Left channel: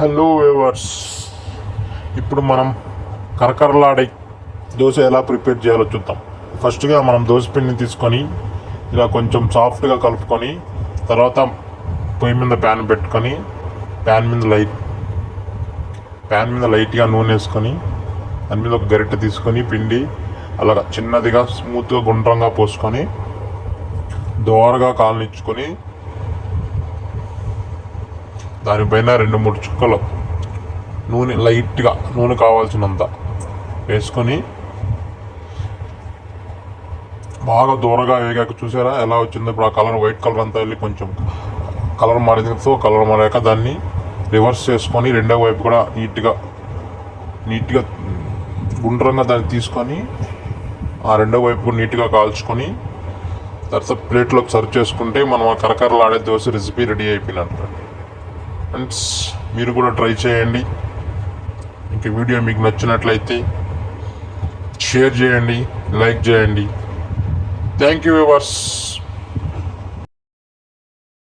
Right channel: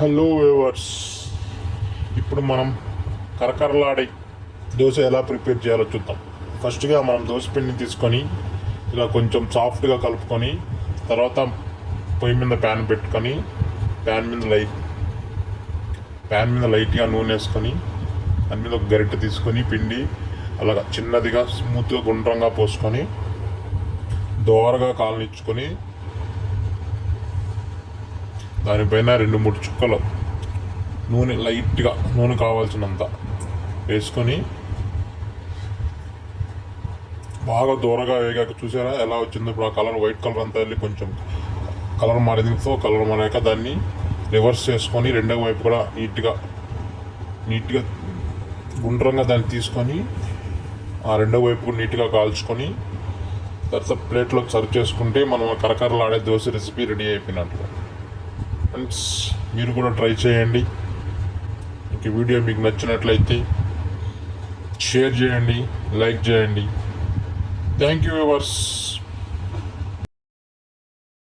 Hello weavers, ఇప్పుడు మనం కరకరలాడే దోశ ఎలా ప్రిపేర్ చేయాలో చూద్దాం. ఫస్ట్గా మనం దోశ పిండిని తీసుకొని ఇలా కొంచెం సాఫ్ట్గా కలుపుకొని తర్వాత పొయ్యి మీద ప్యాన్ పెట్టుకొని ప్యాన్ మీద లైట్గా నూనె వేసుకొని దాని మీద ఒక గరిటె తీసుకొని పిండి అలా చిన్నదిగా స్మూత్గా గుండ్రంగా పోసుకొని దోరగా కాలనిచ్చుకొని దానిపైన 2-3 చుక్కలు నూనె లైట్గా నూనె కావాల్సినంత వేసుకొని బాగా దూరగా వేగాక చూసారా ఎలా వచ్చిందో. ఇప్పుడు ఆ కలర్ వైట్ కలర్ అంతా వెళ్ళి కొంచెం కలర్ మారిందో కలర్ మారాక దాన్ని రివర్స్ చేసుకొని రెండో వైపు కూడా నీట్గా గుండ్రంగా దాన్ని తీసుకొని ఆ రెండో వైపు నీట్గా కాల్చుకొని తర్వాత ప్లేట్లోకి సర్వ్ చేసుకుంటే మనం ఆ కరకరలాడే దోశ రెసిపీ రెడీ అయిపోయినట్టు. ఫ్రెండ్స్, మీరు కూడా ట్రై చేయండి. ఇంక వీడియో మీకు నచ్చినట్లయితే షేర్ చేయండి, లైక్ చేయండి. Thank you viewers.